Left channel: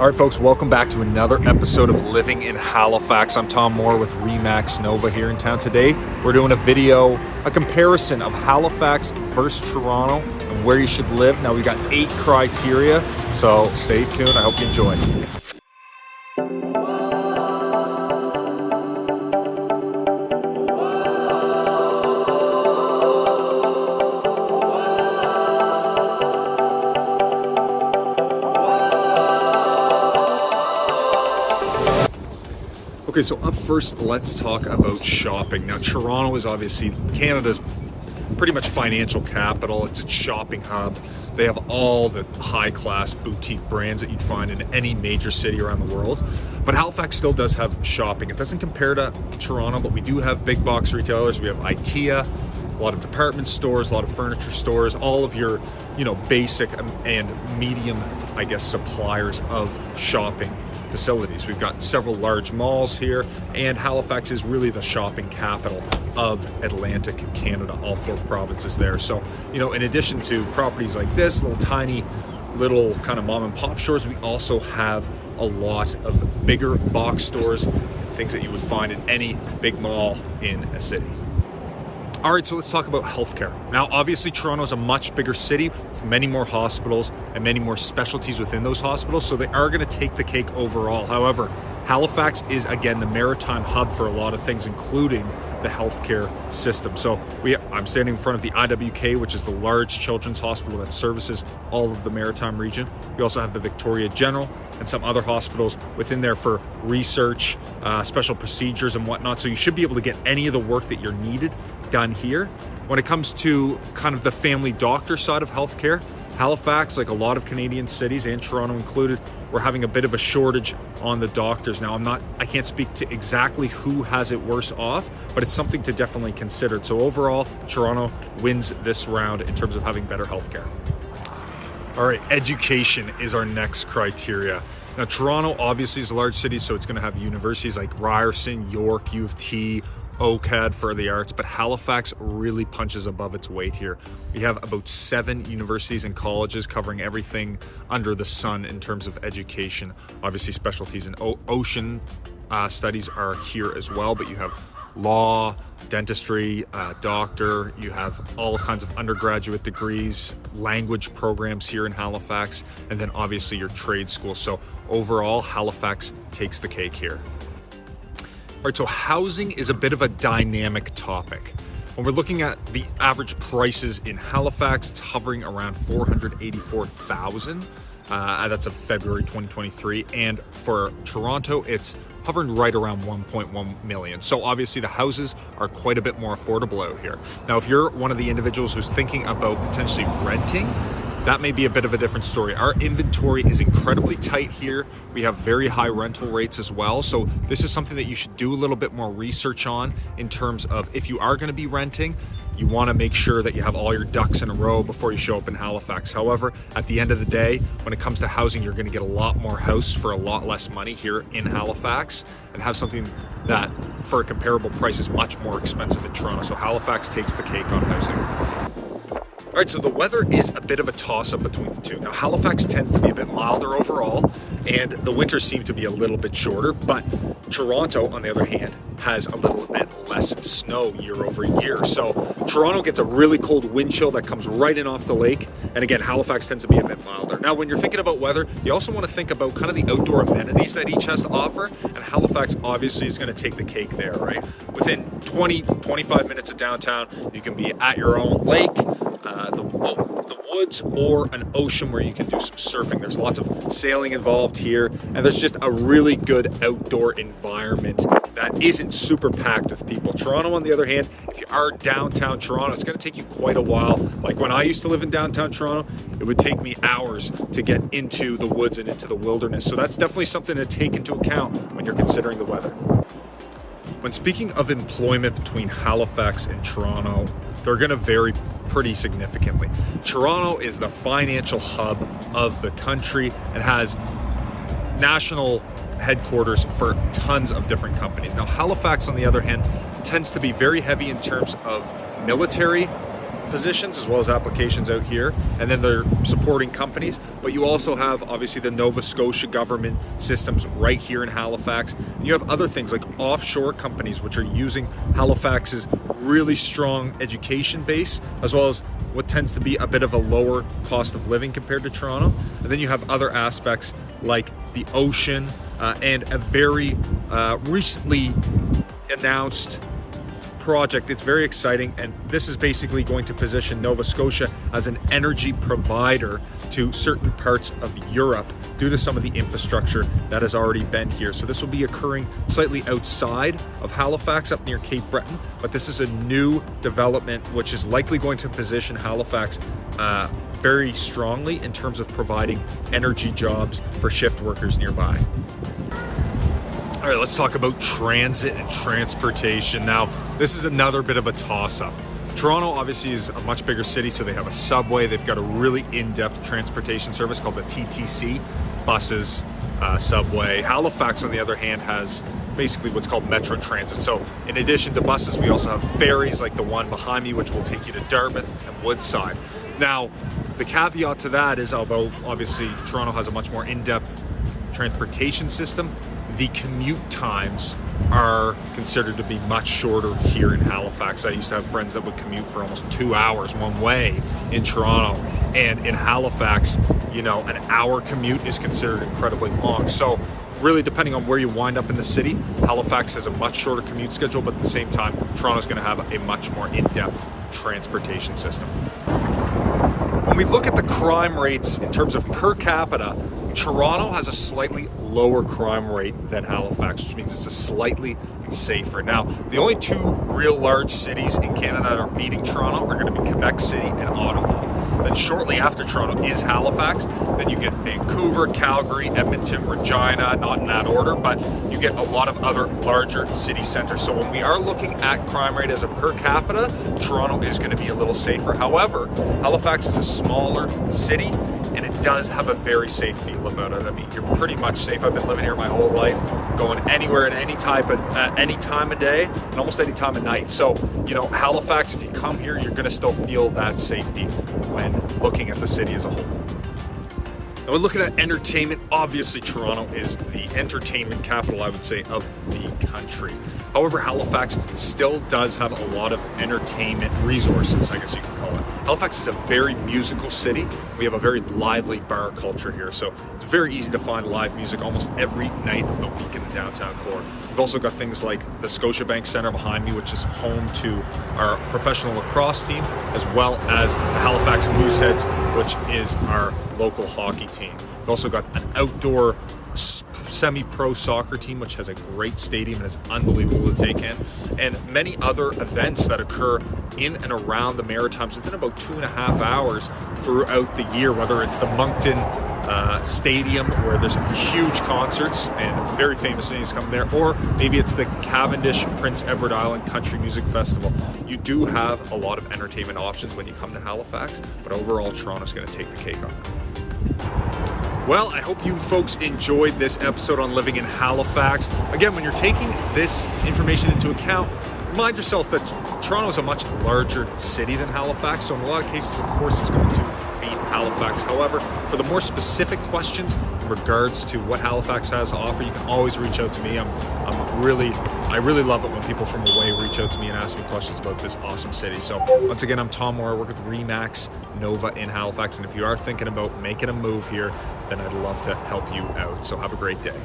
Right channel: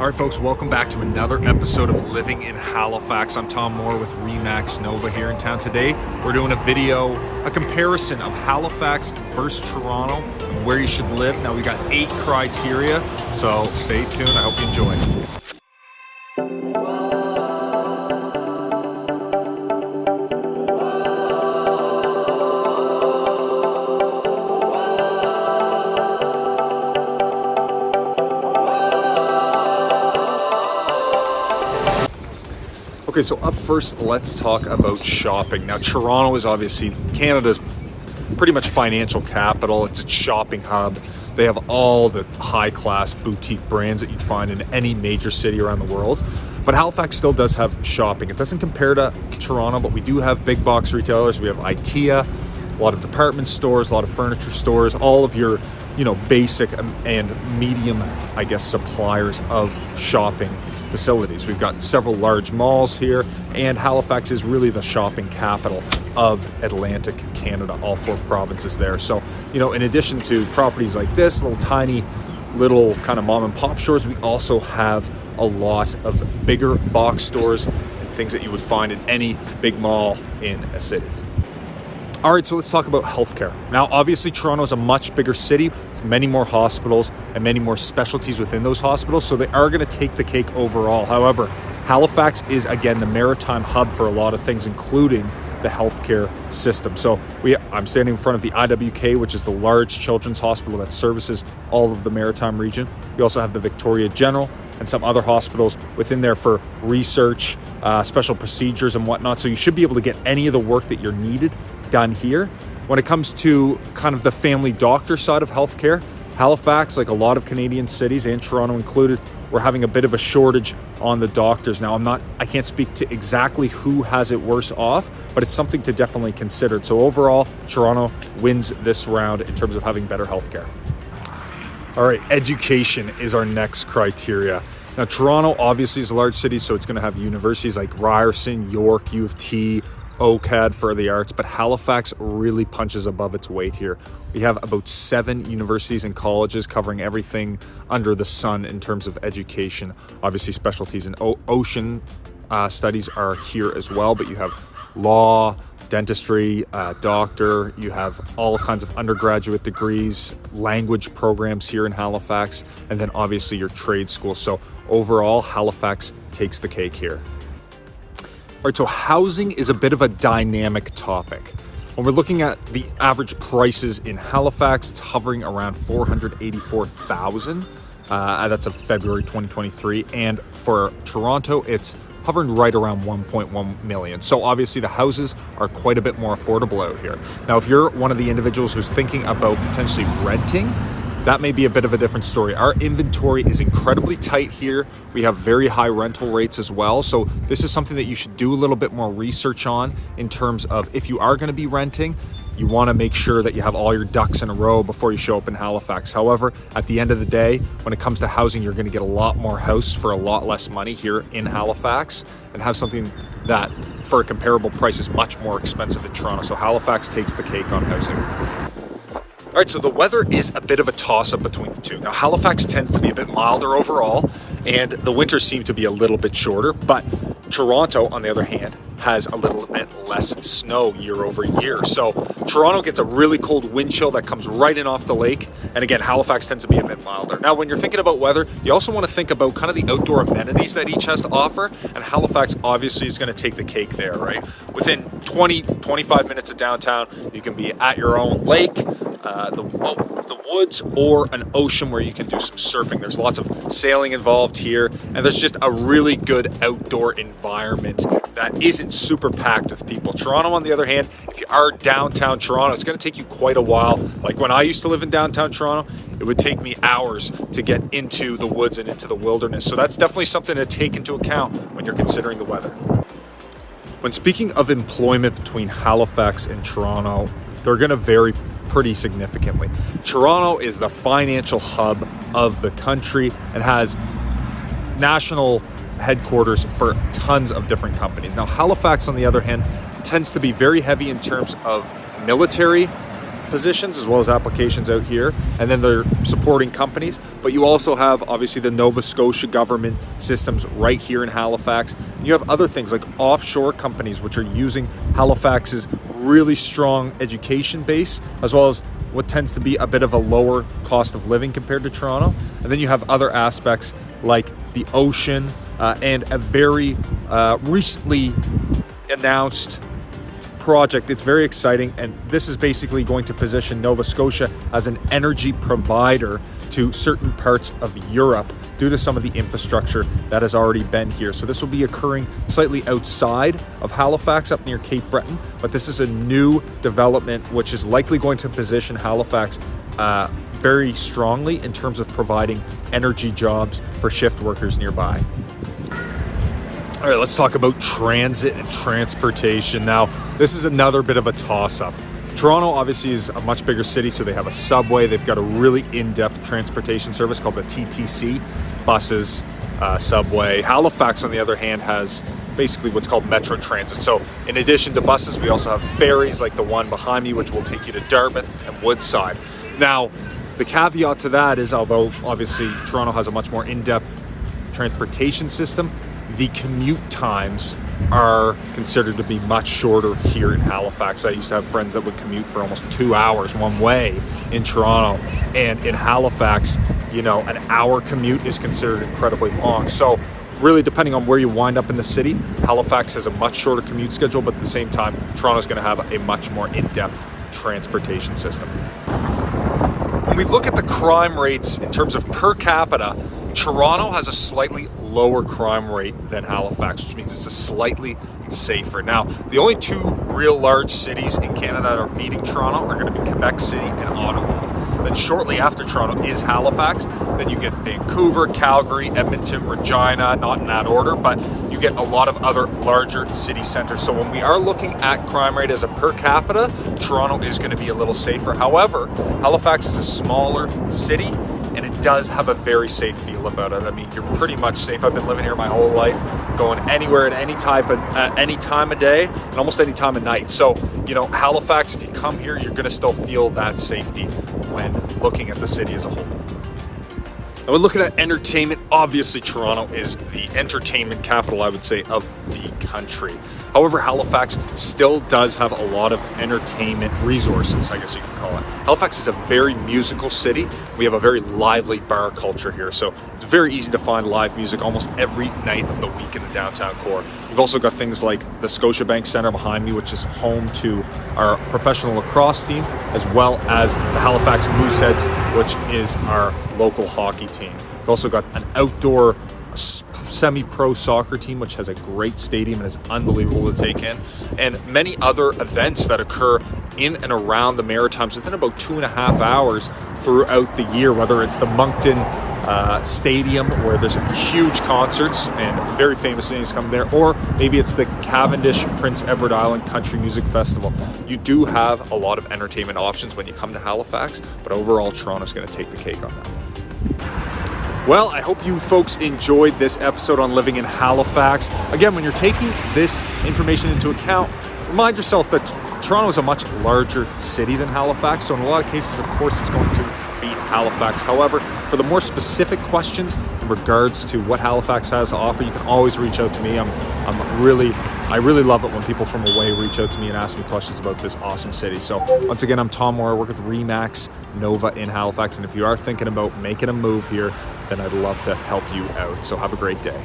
All right, folks, welcome back to another episode of Living in Halifax. I'm Tom Moore with Remax Nova here in town today. We're doing a comparison of Halifax versus Toronto and where you should live. Now, we've got 8 criteria, so stay tuned. I hope you enjoy. Okay, so up first, let's talk about shopping. Now, Toronto is obviously Canada's pretty much financial capital. It's a shopping hub. They have all the high-class boutique brands that you'd find in any major city around the world. But Halifax still does have shopping. It doesn't compare to Toronto, but we do have big box retailers. We have IKEA, a lot of department stores, a lot of furniture stores, all of your, basic and medium, suppliers of shopping facilities. We've got several large malls here, and Halifax is really the shopping capital of Atlantic Canada, all 4 provinces there. So, in addition to properties like this, little kind of mom and pop stores, we also have a lot of bigger box stores and things that you would find in any big mall in a city. All right, so let's talk about healthcare. Now, obviously, Toronto is a much bigger city with many more hospitals and many more specialties within those hospitals, so they are going to take the cake overall. However, Halifax is, again, the maritime hub for a lot of things, including the healthcare system. So I'm standing in front of the IWK, which is the large children's hospital that services all of the maritime region. We also have the Victoria General and some other hospitals within there for research, special procedures and whatnot. So you should be able to get any of the work that you're needed done here. When it comes to kind of the family doctor side of healthcare, Halifax, like a lot of Canadian cities and Toronto included, we're having a bit of a shortage on the doctors. Now, I can't speak to exactly who has it worse off, but it's something to definitely consider. So overall, Toronto wins this round in terms of having better healthcare. All right, education is our next criteria. Now, Toronto obviously is a large city, so it's going to have universities like Ryerson, York, U of T, OCAD for the arts, but Halifax really punches above its weight here. We have about 7 universities and colleges covering everything under the sun in terms of education. Obviously, specialties in ocean studies are here as well, but you have law, dentistry, doctor, you have all kinds of undergraduate degrees, language programs here in Halifax, and then obviously your trade school. So overall, Halifax takes the cake here. All right, so housing is a bit of a dynamic topic. When we're looking at the average prices in Halifax, it's hovering around $484,000. That's of February 2023. And for Toronto, it's hovering right around 1.1 million. So obviously the houses are quite a bit more affordable out here. Now, if you're one of the individuals who's thinking about potentially renting, that may be a bit of a different story. Our inventory is incredibly tight here. We have very high rental rates as well. So this is something that you should do a little bit more research on in terms of if you are going to be renting, you want to make sure that you have all your ducks in a row before you show up in Halifax. However, at the end of the day, when it comes to housing, you're going to get a lot more house for a lot less money here in Halifax and have something that for a comparable price is much more expensive in Toronto. So Halifax takes the cake on housing. All right, so the weather is a bit of a toss-up between the two. Now, Halifax tends to be a bit milder overall, and the winters seem to be a little bit shorter, but Toronto, on the other hand, has a little bit less snow year over year. So Toronto gets a really cold wind chill that comes right in off the lake. And again, Halifax tends to be a bit milder. Now, when you're thinking about weather, you also want to think about kind of the outdoor amenities that each has to offer. And Halifax obviously is going to take the cake there, right? Within 25 minutes of downtown, you can be at your own lake, the woods, or an ocean where you can do some surfing. There's lots of sailing involved here, and there's just a really good outdoor environment that isn't super packed with people. Toronto, on the other hand, if you are downtown Toronto, it's going to take you quite a while. Like when I used to live in downtown Toronto, it would take me hours to get into the woods and into the wilderness. So that's definitely something to take into account when you're considering the weather. When speaking of employment between Halifax and Toronto, they're going to vary pretty significantly. Toronto is the financial hub of the country and has national headquarters for tons of different companies. Now, Halifax, on the other hand, tends to be very heavy in terms of military positions as well as applications out here, and then they're supporting companies. But you also have obviously the Nova Scotia government systems right here in Halifax, and you have other things like offshore companies which are using Halifax's really strong education base, as well as what tends to be a bit of a lower cost of living compared to Toronto. And then you have other aspects like the ocean and a very recently announced project. It's very exciting, and this is basically going to position Nova Scotia as an energy provider to certain parts of Europe due to some of the infrastructure that has already been here. So this will be occurring slightly outside of Halifax, up near Cape Breton, but this is a new development which is likely going to position Halifax very strongly in terms of providing energy jobs for shift workers nearby. All right, let's talk about transit and transportation. Now, this is another bit of a toss-up. Toronto obviously is a much bigger city, so they have a subway. They've got a really in-depth transportation service called the TTC, buses, subway. Halifax, on the other hand, has basically what's called Metrotransit. So in addition to buses, we also have ferries like the one behind me, which will take you to Dartmouth and Woodside. Now, the caveat to that is, although obviously Toronto has a much more in-depth transportation system, the commute times are considered to be much shorter here in Halifax. I used to have friends that would commute for almost 2 hours one way in Toronto, and in Halifax, you know, an hour commute is considered incredibly long. So really, depending on where you wind up in the city, Halifax has a much shorter commute schedule, but at the same time, Toronto's going to have a much more in-depth transportation system. When we look at the crime rates in terms of per capita, Toronto has a slightly lower crime rate than Halifax, which means it's a slightly safer. Now, the only two real large cities in Canada that are beating Toronto are going to be Quebec City and Ottawa. Then shortly after Toronto is Halifax. Then you get Vancouver, Calgary, Edmonton, Regina, not in that order, but you get a lot of other larger city centers. So when we are looking at crime rate as a per capita, Toronto is going to be a little safer. However, Halifax is a smaller city, and it does have a very safe feel about it. I mean, you're pretty much safe. I've been living here my whole life, going anywhere at any time of day and almost any time of night. So, you know, Halifax, if you come here, you're going to still feel that safety when looking at the city as a whole. Now, we're looking at entertainment. Obviously, Toronto is the entertainment capital, I would say, of the country. However, Halifax still does have a lot of entertainment resources, I guess you can call it. Halifax is a very musical city. We have a very lively bar culture here, so it's very easy to find live music almost every night of the week in the downtown core. You've also got things like the Scotiabank Centre behind me, which is home to our professional lacrosse team, as well as the Halifax Mooseheads, which is our local hockey team. We've also got an outdoor semi-pro soccer team, which has a great stadium and is unbelievable to take in, and many other events that occur in and around the Maritimes within about 2.5 hours throughout the year, whether it's the Moncton Stadium, where there's huge concerts and very famous names come there, or maybe it's the Cavendish Prince Edward Island Country Music Festival. You do have a lot of entertainment options when you come to Halifax, but overall Toronto's going to take the cake on that. Well, I hope you folks enjoyed this episode on living in Halifax. Again, when you're taking this information into account, remind yourself that Toronto is a much larger city than Halifax, so in a lot of cases, of course, it's going to beat Halifax. However, for the more specific questions in regards to what Halifax has to offer, you can always reach out to me. I really love it when people from away reach out to me and ask me questions about this awesome city. So once again, I'm Tom Moore. I work with Remax Nova in Halifax, and if you are thinking about making a move here, then I'd love to help you out. So have a great day.